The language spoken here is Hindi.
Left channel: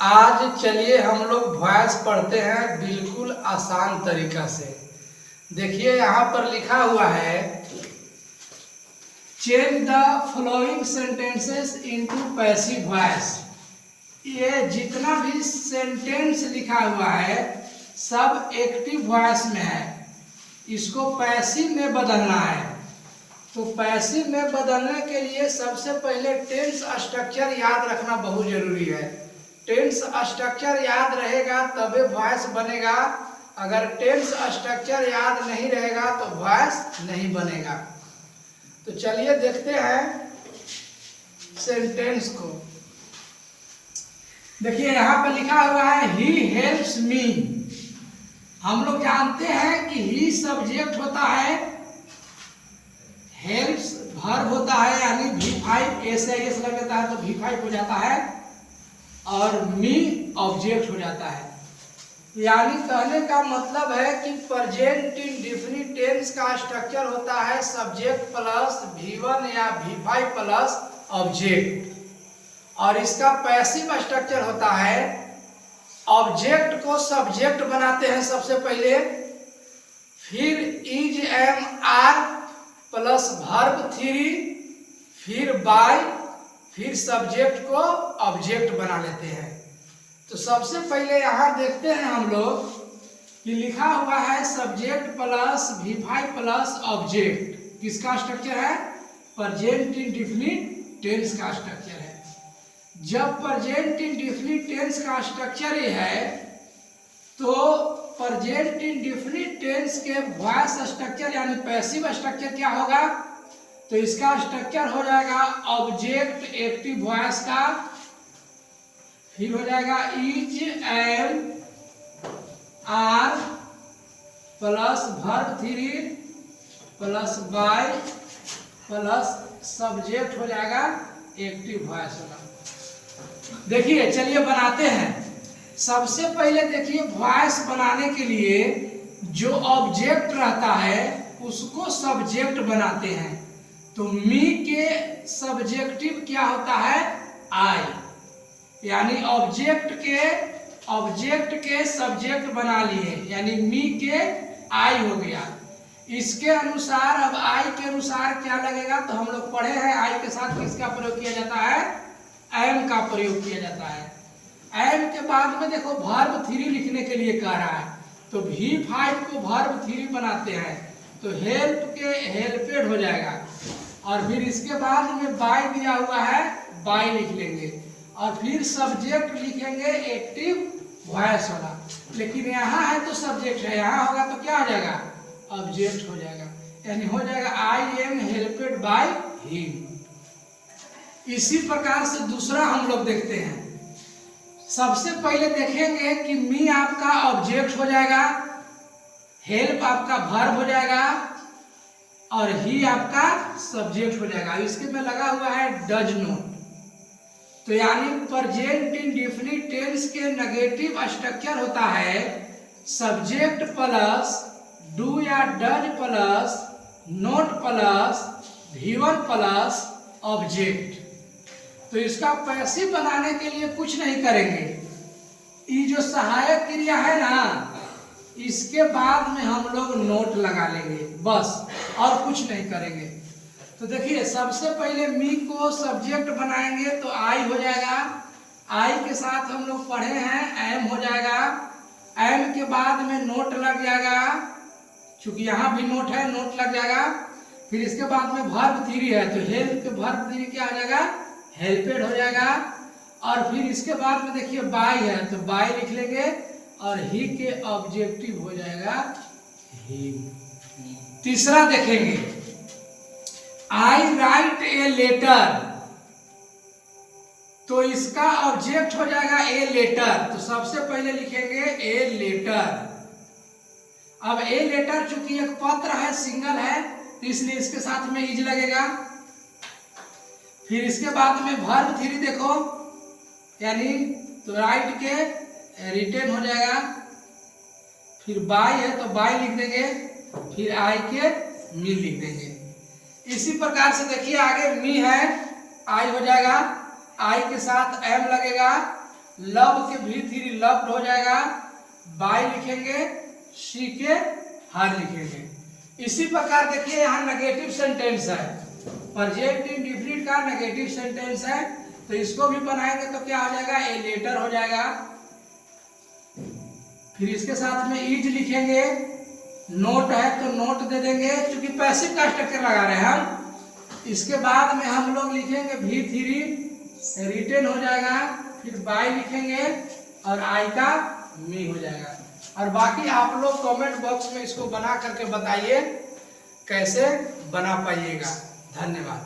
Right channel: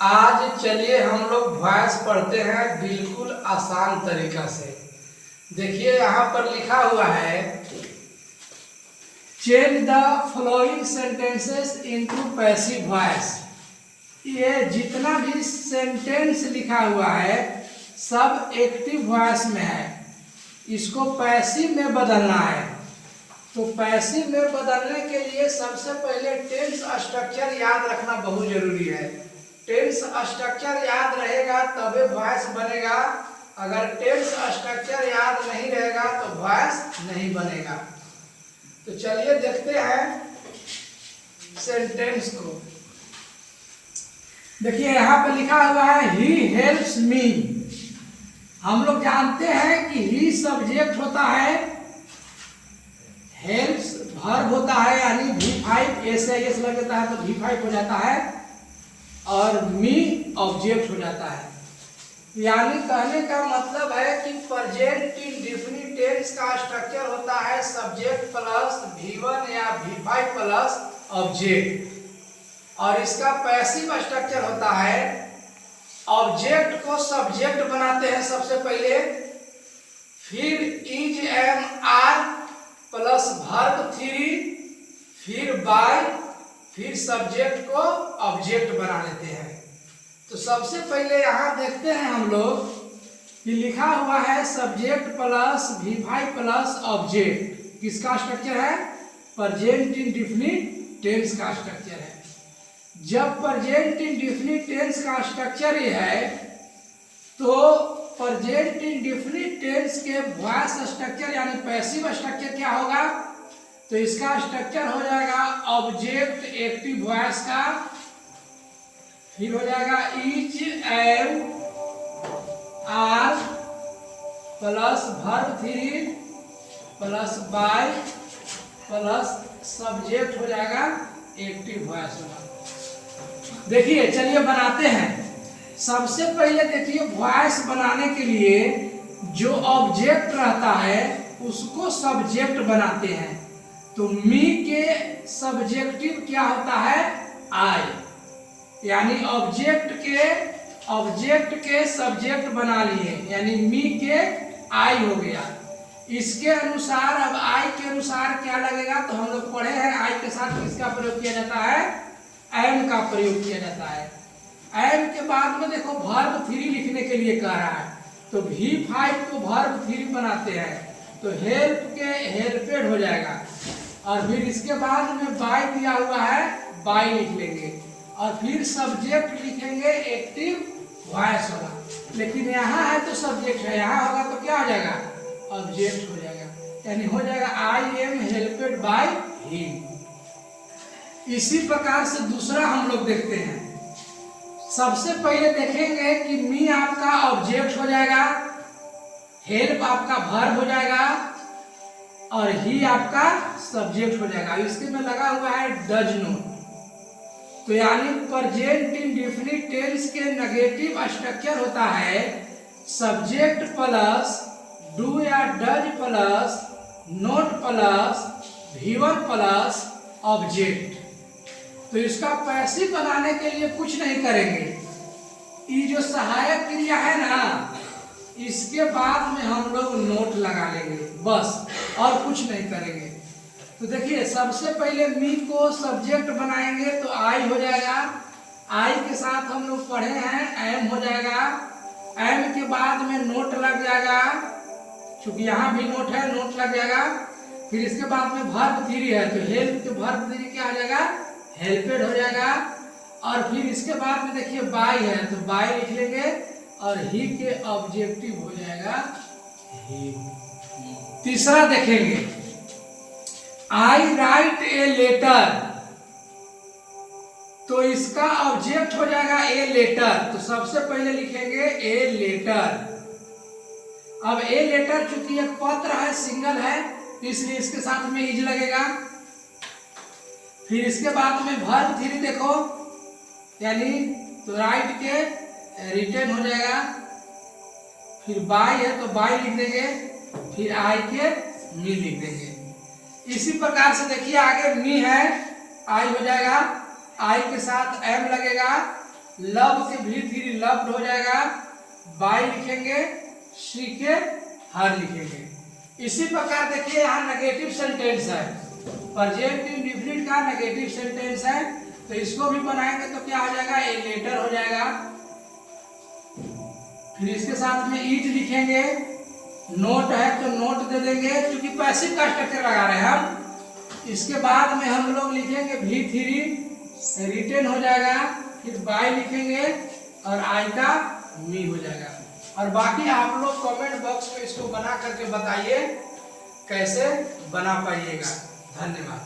आज चलिए हम लोग वॉइस पढ़ते हैं बिल्कुल आसान तरीका से। देखिए यहाँ पर लिखा हुआ है change the following sentences into passive voice. ये जितना भी सेंटेंस लिखा हुआ है सब एक्टिव वॉइस में है, इसको पैसिव में बदलना है। तो पैसिव में बदलने के लिए सबसे पहले टेंस स्ट्रक्चर याद रखना बहुत जरूरी है। टेंस स्ट्रक्चर याद रहेगा तभी वॉइस बनेगा, अगर टेंस स्ट्रक्चर याद नहीं रहेगा तो वॉइस नहीं बनेगा। तो चलिए देखते हैं सेंटेंस को। देखिए यहाँ पे लिखा हुआ है ही हेल्प्स मी। हम लोग जानते हैं कि ही सब्जेक्ट होता है, हेल्प्स वर्ब होता है, यानी V5 ऐसे लगता है तो V5 हो जाता है और मी ऑब्जेक्ट हो जाता है। यानी कहने का मतलब है कि प्रेजेंट इंडेफिनिट टेंस का स्ट्रक्चर होता है सब्जेक्ट प्लस V1 या V5 प्लस ऑब्जेक्ट, और इसका पैसिव स्ट्रक्चर होता है ऑब्जेक्ट को सब्जेक्ट बनाते हैं सबसे पहले, फिर is am are plus verb 3, फिर बाय, फिर सब्जेक्ट को ऑब्जेक्ट बना लेते हैं। तो सबसे पहले यहाँ देखते हैं हम लोग कि लिखा हुआ है subject plus V5 plus object. किसका स्ट्रक्चर है? प्रेजेंट इंडेफिनिट टेंस का स्ट्रक्चर है। जब प्रेजेंट इंडेफिनिट टेंस का स्ट्रक्चर ये है तो प्रेजेंट इंडेफिनिट टेंस के वॉइस स्ट्रक्चर यानी पैसिव स्ट्रक्चर क्या होगा? तो इसका स्ट्रक्चर हो जाएगा ऑब्जेक्ट एक्टिव वॉइस का, फिर हो जाएगा is am are plus verb 3 plus by plus subject हो जाएगा एक्टिव वॉइस होगा। देखिए चलिए बनाते हैं। सबसे पहले देखिए वॉइस बनाने के लिए जो ऑब्जेक्ट रहता है उसको सब्जेक्ट बनाते हैं। तो मी के सब्जेक्टिव क्या होता है? आई, यानी ऑब्जेक्ट के सब्जेक्ट बना लिए, यानी मी के आई हो गया। इसके अनुसार अब आई के अनुसार क्या लगेगा? तो हम लोग पढ़े हैं आई के साथ किसका प्रयोग किया जाता है? एम का प्रयोग किया जाता है। एम के बाद में देखो वर्ब 3 लिखने के लिए कह रहा है, तो V5 को वर्ब 3 बनाते हैं, तो हेल्प के हेल्पेड हो जाएगा, और फिर इसके बाद में बाय दिया हुआ है, बाय लिख लेंगे, और फिर सब्जेक्ट लिखेंगे एक्टिव वॉइस होगा। लेकिन यहाँ है तो सब्जेक्ट है, यहाँ होगा तो क्या हो जाएगा? ऑब्जेक्ट हो जाएगा, यानी हो जाएगा आई एम हेल्पेड बाय हिम। इसी प्रकार से दूसरा हम लोग देखते हैं। सबसे पहले देखेंगे कि मी आपका ऑब्जेक्ट हो जाएगा, हेल्प आपका वर्ब हो जाएगा, और ही आपका सब्जेक्ट हो जाएगा। इसके में लगा हुआ है डज नॉट। तो यानी प्रेजेंट इंडेफिनिट टेंस के नेगेटिव स्ट्रक्चर होता है सब्जेक्ट प्लस डू या does plus note plus V1 plus object. तो इसका पैसिव बनाने के लिए कुछ नहीं करेंगे, ये जो सहायक क्रिया है ना इसके बाद में हम लोग नोट लगा लेंगे बस, और कुछ नहीं करेंगे। तो देखिए सबसे पहले मी को सब्जेक्ट बनाएंगे तो आई हो जाएगा, आई के साथ हम लोग पढ़े हैं एम हो जाएगा, एम के बाद में नोट लग जाएगा, क्योंकि यहाँ भी नोट है, नोट लग जाएगा। फिर इसके बाद में वर्ब 3 है तो हेल्प के वर्ब 3 क्या हो जाएगा? हेल्पेड हो जाएगा, और फिर इसके बाद में देखिए बाय है तो बाय लिख लेंगे, और ही के ऑब्जेक्टिव हो जाएगा ही। तीसरा देखेंगे आई राइट ए लेटर, तो इसका ऑब्जेक्ट हो जाएगा ए लेटर, तो सबसे पहले लिखेंगे ए लेटर। अब ए लेटर चूंकि एक पत्र है, सिंगल है, तो इसलिए इसके साथ में इज लगेगा। फिर इसके बाद में वर्ब 3 देखो, यानी तो राइट के रिटर्न हो जाएगा, फिर बाय है तो बाय लिख देंगे, फिर आई के मी लिख देंगे। इसी प्रकार से देखिए आगे मी है, आई हो जाएगा, आई के साथ एम लगेगा, लब के भी थ्री लव्ड हो जाएगा, बाई लिखेंगे, शी के हर लिखेंगे। इसी प्रकार देखिए यहाँ नेगेटिव सेंटेंस है, प्रेजेंट इंडेफिनिट का नेगेटिव सेंटेंस है, तो इसको भी बनाएंगे तो क्या हो जाएगा, ए लेटर हो जाएगा। फिर इसके साथ में इज लिखेंगे, नोट है तो नोट दे देंगे क्योंकि पैसिव का स्ट्रक्चर लगा रहे हैं हम। इसके बाद में हम लोग लिखेंगे भी थ्री रिटेन हो जाएगा, फिर बाई लिखेंगे और आई का मी हो जाएगा। और बाकी आप लोग कमेंट बॉक्स में इसको बना करके बताइए कैसे बना पाइएगा। धन्यवाद।